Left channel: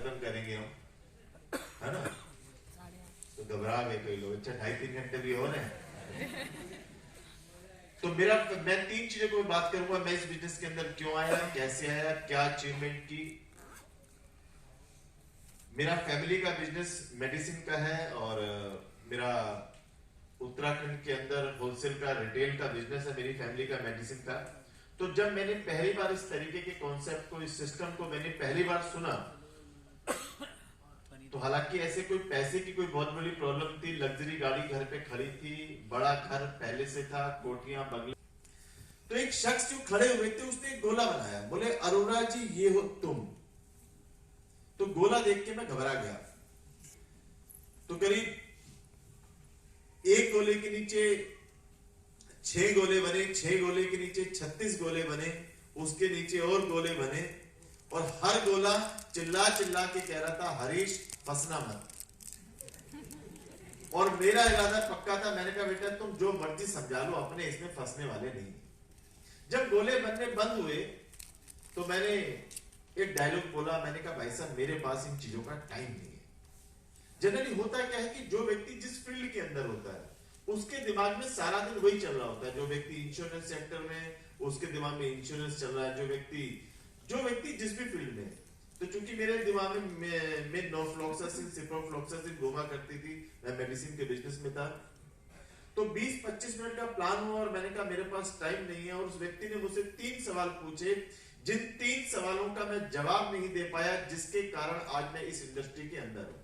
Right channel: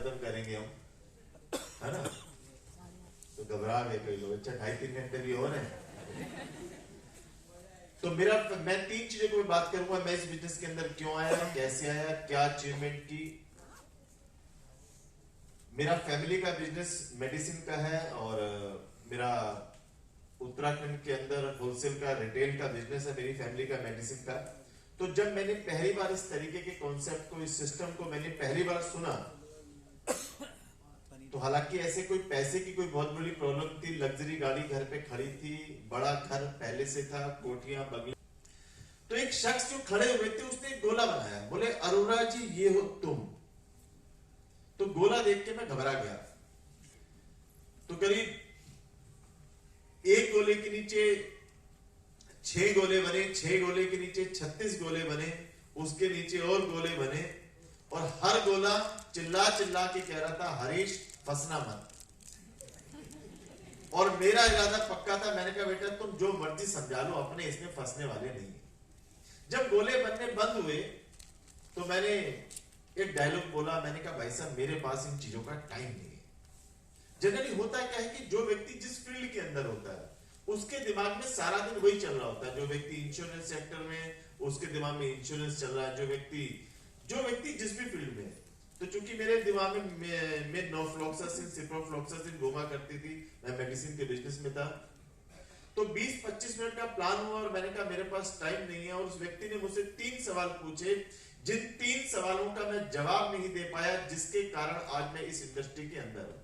खत्म करेंगे हम, है ना? तो घबरा गए कई लोग। अच्छा 2.5-3 घंटे भी हो रहे। तो मैं 3 चीजों को बात करूंगा। मैं इस बिजनेस के अंदर क्यों आया, कैसे आया, क्या अचीवमेंट की। मेरा फैमिली का बिजनेस मेडिसिन का है और मेरा उत्तराखंड के अंदर होलसेल का रिटेल का बिजनेस है, मेरी फैमिली का मेडिसिन का। तो जब मैंने पहली बार इस तरीके के कॉन्सेप्ट को, इस सिस्टम को मैंने पहली बार सुना, तो हालांकि ऐसे कोई पैसे की कोई बहुत बड़ी प्रॉब्लम थी, लग्जरी गाड़ी घर पे खड़ी थी, बड़ा घर पहले से था, कोठियां बंगले। तो एक शख्स जो खड़े हुए थे उसने एक गोला बनाया, बोले अरोड़ा जी ये हो तुम। तो गोला देख के मैं घबरा गया। तो करीब एक गोले के नीचे 6 गोले बने, 6 गोले के नीचे 36 गोले बने, उसके नीचे और गोले बने, और हर गोला चिल्ला चिल्ला के कह रहा था हरीश फंसना मत। और मेरा इरादा पक्का था। मैंने कहा बेटा तुम जो मर्जी समझा लो, अपने इसमें फंसने वाले नहीं। जब गोले बनने बंद हुए तो मैंने एक डायलॉग बोला। मैंने कहा भाई साहब मेरे पास इन चीजों का टाइम नहीं है। जनरली होता क्या है कि जो व्यक्ति जिस फील्ड के अंदर होता है उसके दिमाग में सारा दिन वही चल रहा होता है। जो व्यक्ति इंश्योरेंस सेक्टर में, उसके दिमाग में इंश्योरेंस चल रहा है। जो व्यक्ति जिस भी फील्ड में। तो चूंकि मेरे दिमाग में नोफ्लॉक्सासिन, सिप्रोफ्लॉक्सासिन घूमा करती थी, मैं मेडिसिन के बिजनेस में था। तो 20-25 मिनट का प्लान हुआ और मैंने कहा मेरे पास टाइम नहीं है। और उस व्यक्ति ने मुझसे 3 सवाल पूछे, जिन 3 सवालों का मैं जवाब नहीं दे पाया, जिसके कारण आज मैं इस इंडस्ट्री के अंदर हूं।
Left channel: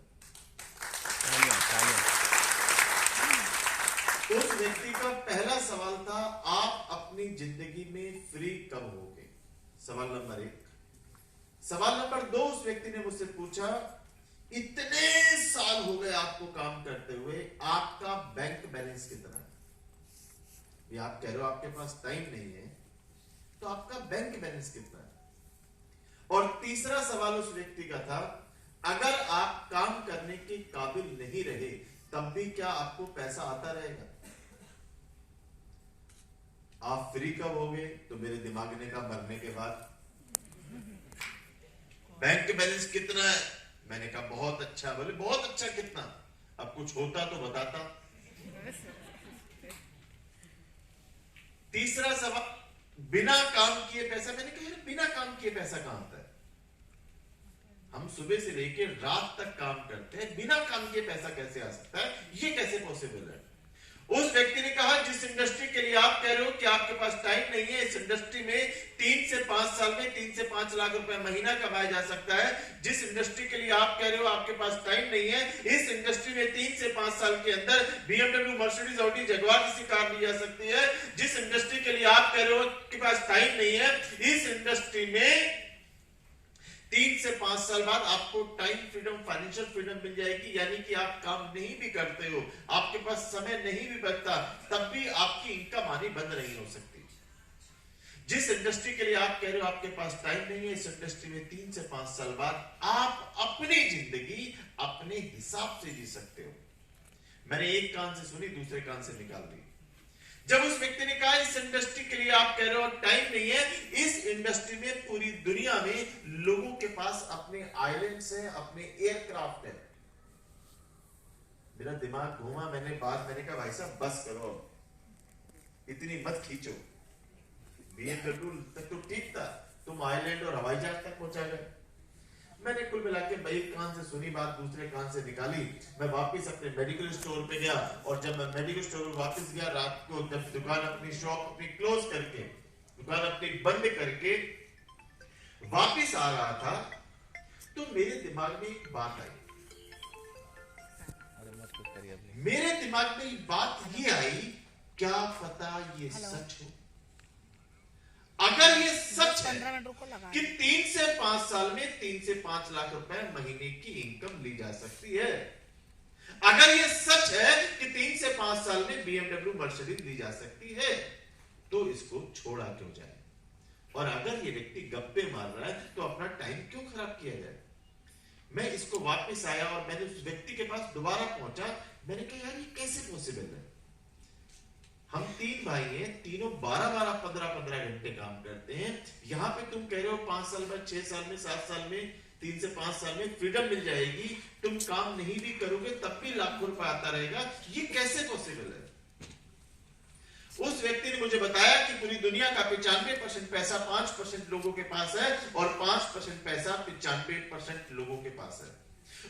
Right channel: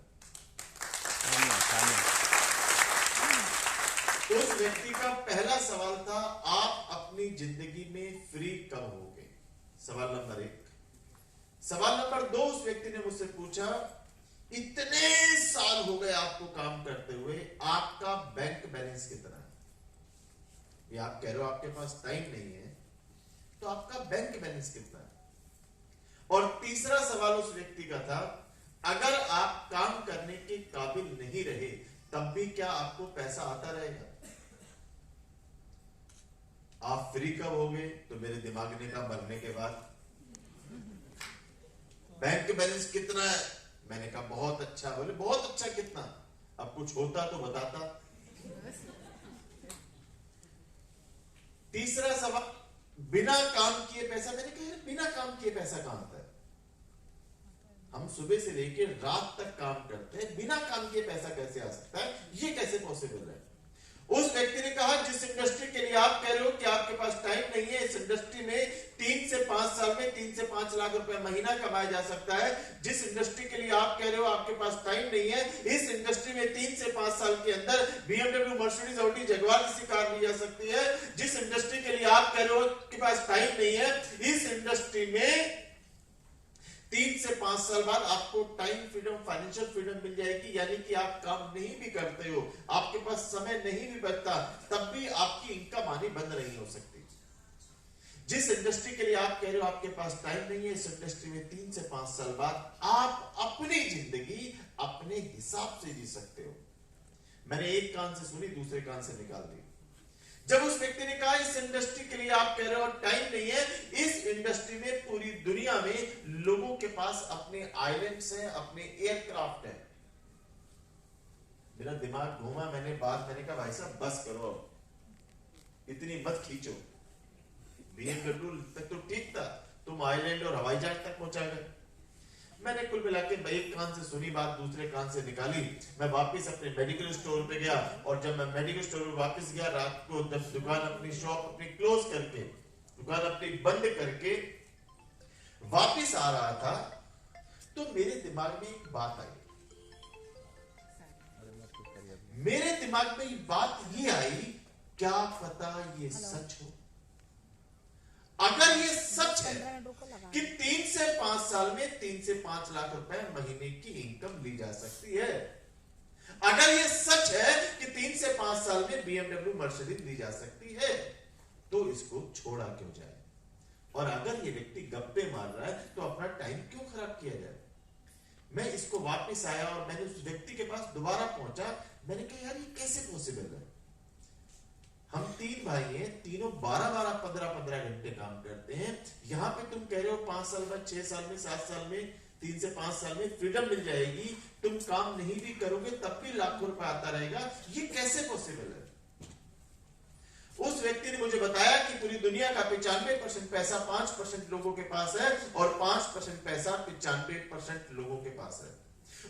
उस व्यक्ति का पहला सवाल था, आप अपनी जिंदगी में फ्री कब होगे? सवाल नंबर 1। सवाल नंबर 2, उस व्यक्ति ने मुझसे पूछा, इतने साल हो गए आपको काम करते हुए, आपका बैंक बैलेंस कितना है? ये आप कह रहे हो आपके पास टाइम नहीं है, तो आपका बैंक बैलेंस कितना है? और तीसरा सवाल उस व्यक्ति का था, अगर आप काम करने के काबिल नहीं रहे तब भी क्या आपको पैसा आता रहेगा? आप फ्री कब होगे? तो मेरे दिमाग ने कहा मरने के बाद। बैंक बैलेंस कितना है? मैंने कहा बहुत अच्छा। बोले बहुत अच्छा कितना? अब कुछ होता तो बताता। तीसरा सवाल, बिना काम किए पैसा। मैंने कहा बिना काम किए पैसा कहां आता है? हम सुबह से लेकर रात तक काम करते हैं, बिना काम किए पैसा कैसे आ सकता है? ये कैसे पॉसिबल है? उस व्यक्ति ने कहा, जिस इंडस्ट्री के लिए आप कह रहे हो कि आपके पास टाइम नहीं है, इस इंडस्ट्री में 3 से 5 साल में 3 से 5 लाख रुपए महीना कमाया जा सकता है। जिस इंडस्ट्री के लिए आप कह रहे हो आपके पास टाइम नहीं है, इस इंडस्ट्री में 3 से 5 साल के अंदर BMW, मर्सिडीज, ऑडी, जगुआर जैसी कार ली जा सकती है। जिस इंडस्ट्री के लिए आप कह रहे हो आपके पास टाइम नहीं है, इस इंडस्ट्री में 3 से 5 साल बाद आपको टाइम फ्रीडम, फाइनेंशियल फ्रीडम मिल जाएगी। यानी कि आप काम नहीं भी करते हो, आपके पास समय नहीं भी बचता, तब भी आपकी इनकम आनी बंद नहीं हो सकती। जिस इंडस्ट्री के लिए आप कह रहे हो आपके पास टाइम नहीं है, इस इंडस्ट्री में 3 से 5 साल बाद आप अपनी जिंदगी अपने हिसाब से जी सकते हो। मैंने एक कान से सुनी, दूसरे कान से निकाल दी। जब उस व्यक्ति ने कहा इस इंडस्ट्री के लिए आप कह रहे हो टाइम नहीं है, इस इंडस्ट्री में पूरी दुनिया में लोगों के पास अपने आइलैंड्स हैं, अपने एयरक्राफ्ट हैं। मेरा दिमाग घूमा। मैंने कहा भाई साहब बस करो, इतनी मत खींचो। BMW तक तो ठीक था, तुम आइलैंड और हवाई जहाज तक पहुंचा गए। मैंने कुल मिला के एक कान से सुनी बात, दूसरे कान से निकाली। मैं वापस अपने मेडिकल स्टोर पे गया, और जब मैं मेडिकल स्टोर में वापस गया रात को, जब दुकान अपनी शॉप अपनी क्लोज करके, दुकान अपनी बंद करके वापस आ रहा था, तो मेरे दिमाग में एक बात आई। मेरे दिमाग में बात ये आई, क्या पता ये सच हो? अगर ये सच है कि 3 से 5 साल में 3 से 5 लाख रुपए महीने की इनकम ली जा सकती है, अगर ये सच है कि 3 से 5 साल में BMW, मर्सिडीज ली जा सकती है, तो इसको छोड़ा क्यों जाए? और अगर ये व्यक्ति गप्पे मार रहा है तो अपना टाइम क्यों खराब किया जाए? मैं इसको वापस आया और मैंने उस व्यक्ति के पास दोबारा पहुंचा। मैंने कहा यार ये कैसे पॉसिबल है? हम 3 भाई हैं, तीनों 12-12, 15-15 घंटे काम करते हैं। यहां पे तुम कह रहे हो 5 साल में, 6 साल में, 7 साल में 3 से 5 साल में फ्रीडम मिल जाएगी, तुम काम नहीं भी करोगे तब भी लाखों रुपए आता रहेगा, ये कैसे पॉसिबल है? उस व्यक्ति ने मुझे बताया कि पूरी दुनिया का 95% पैसा 5% लोगों के पास है और 5% पैसा 95% लोगों के पास है।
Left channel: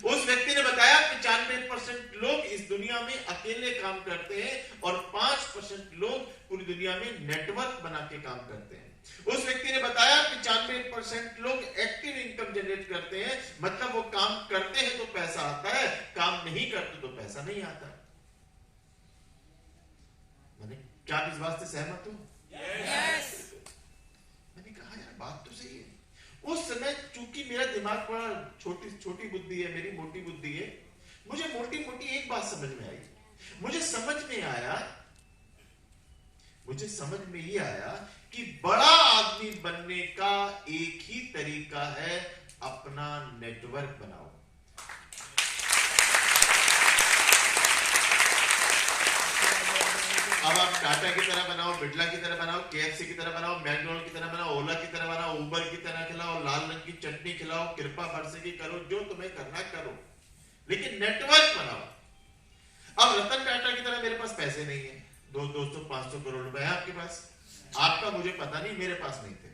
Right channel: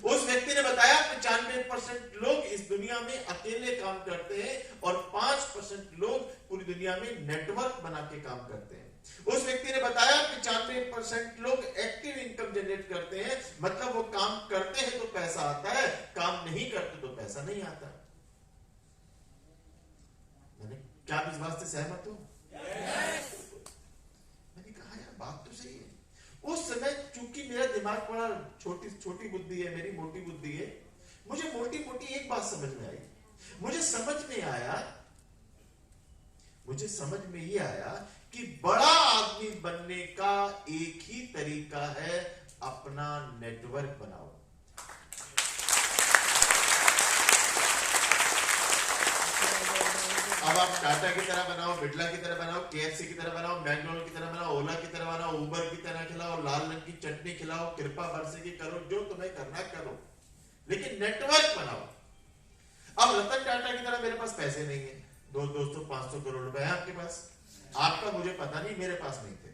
उस व्यक्ति ने बताया 95% लोग इस दुनिया में अकेले काम करते हैं और 5% लोग पूरी दुनिया में नेटवर्क बना के काम करते हैं। उस व्यक्ति ने बताया 95% लोग एक्टिव इनकम जनरेट करते हैं, मतलब वो काम करते हैं तो पैसा आता है, काम नहीं करते तो पैसा नहीं आता। मैंने क्या इस बात से सहमत हूं? Yes. मैंने कहा यार बात तो सही है। उस समय चूंकि मेरा दिमाग बड़ा छोटी बुद्धि है, मेरी मोटी बुद्धि है, मुझे मोटी मोटी एक बात समझ में आई। मुझे समझ में ये आया कि बड़ा आदमी बनने का एक ही तरीका है, अपना नेटवर्क बनाओ। अब आप टाटा की तरह बनाओ, बिरला की तरह बनाओ, केएफसी की तरह बनाओ, मैकडोनल्ड की तरह बनाओ, ओला की तरह बनाओ, उबर की तरह खिलाओ, लाल रंग की चटनी खिलाओ, कृपा बरसेगी करो, जो तुम्हें करना करो, लेकिन नेटवर्क बनाओ। अब रतन टाटा की तरह मेरे पास पैसे नहीं है, 200 500 करोड़ रुपए है आपके पास, आपका मुझे पता नहीं, मेरे पास नहीं थे।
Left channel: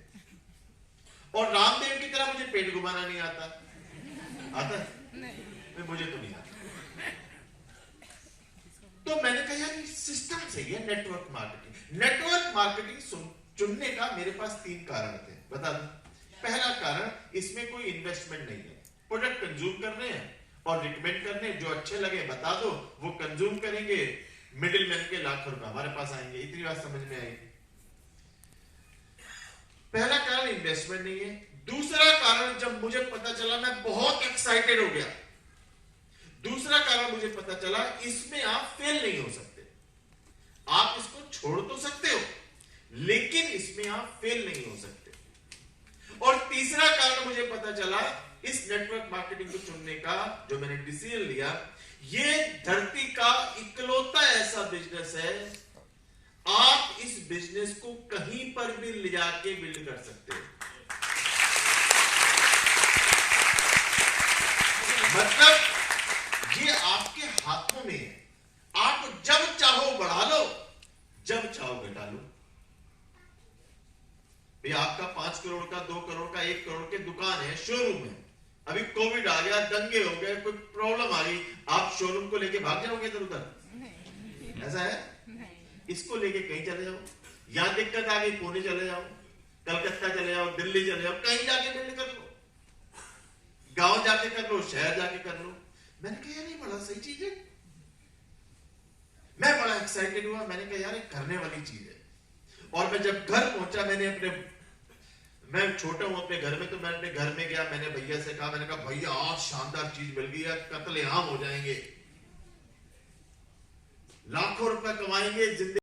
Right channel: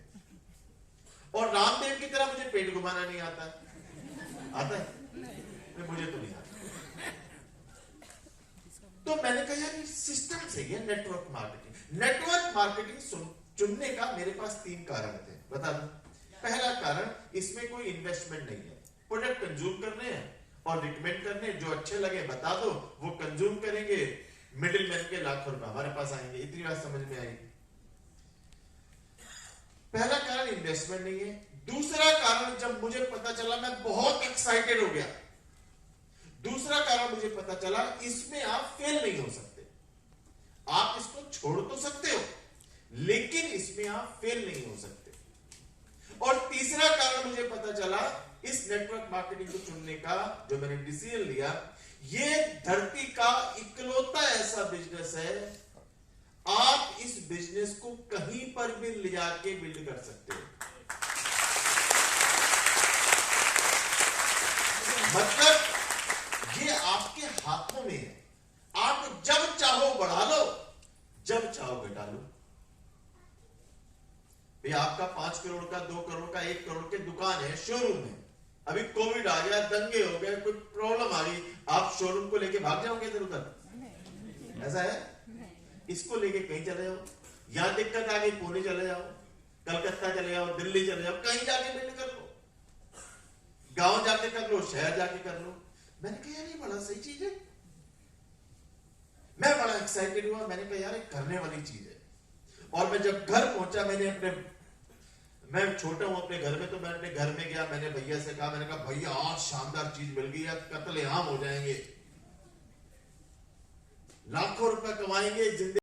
और रामदेव की तरह मुझे पेट घुमाना नहीं आता है? नहीं, मुझे तो नहीं आता। तो मैंने कहा यार ये सिस्टम सही है, नेटवर्क मार्केटिंग। नेटवर्क मार्केटिंग चुनने का मेरे पास 3 कारण थे, बता दूं। पहला कारण, इसमें कोई इन्वेस्टमेंट नहीं है, प्रोडक्ट कंज्यूम करने हैं और रिकमेंड करने, जो अच्छे लगे बता दो, वो कंज्यूम करेंगे, मिडिल मैन के लाखों रुपए हमारे पास आएंगे। इतनी बात समझ में आएगी। पहला कारण इन्वेस्टमेंट नहीं है। दूसरा कारण, जब मुझे पता चला मैं बहुत एक्साइटेड हो गया। दूसरा कारण मुझे पता चला, इसमें आप फेल नहीं हो सकते। आप इसको छोड़ तो सकते हो, लेकिन इसमें आप फेल नहीं हो सकते। और तीसरा कारण मुझे पता चला, इस नेटवर्क मार्केटिंग को चुनने का जो मैंने डिसीजन लिया, ये धरती का इकलौता ऐसा बिजनेस है, आप इस बिजनेस को कहीं पर भी ले जाके बिल्ड कर सकते हो। मतलब ये आपके हाथों में है, आप जब चाहो बढ़ा लो, जब चाहो घटा लो। भाई आपका 5 करोड़ का, 2 करोड़ का, 1 करोड़ के दुकान है, शोरूम है, अभी कोविड आ गया, दंगे हो गए, कोई प्रॉब्लम आ गई, आप शोरूम को लेके भाग जाओगे इधर उधर? ऐसा है? इसको लेके कहीं चले जाओ, यहां दिक्कत आ गई पुणे चले जाओ, कलकत्ता चले जाओ, दिल्ली चले जाओ, कहीं जाके बिल्ड कर लो, गांव जाके कर लो, शहर जाके कर लो। मैंने कहा यार ये बड़ा सही चीज है, मैं बड़ा एक्साइटेड हुआ। मैंने कहा यार ये करने वाली चीज है। और मैं जब घर पहुंचा, मैं छोटा हूं अपने घर में, तो मैं अपने घर में गया, मैंने भैया से कहा, मैंने कहा भैया आज शानदार चीज मिल गई है, कत्लेआम हो जाएंगे, लाखों रुपए कमाएंगे, जिंदगी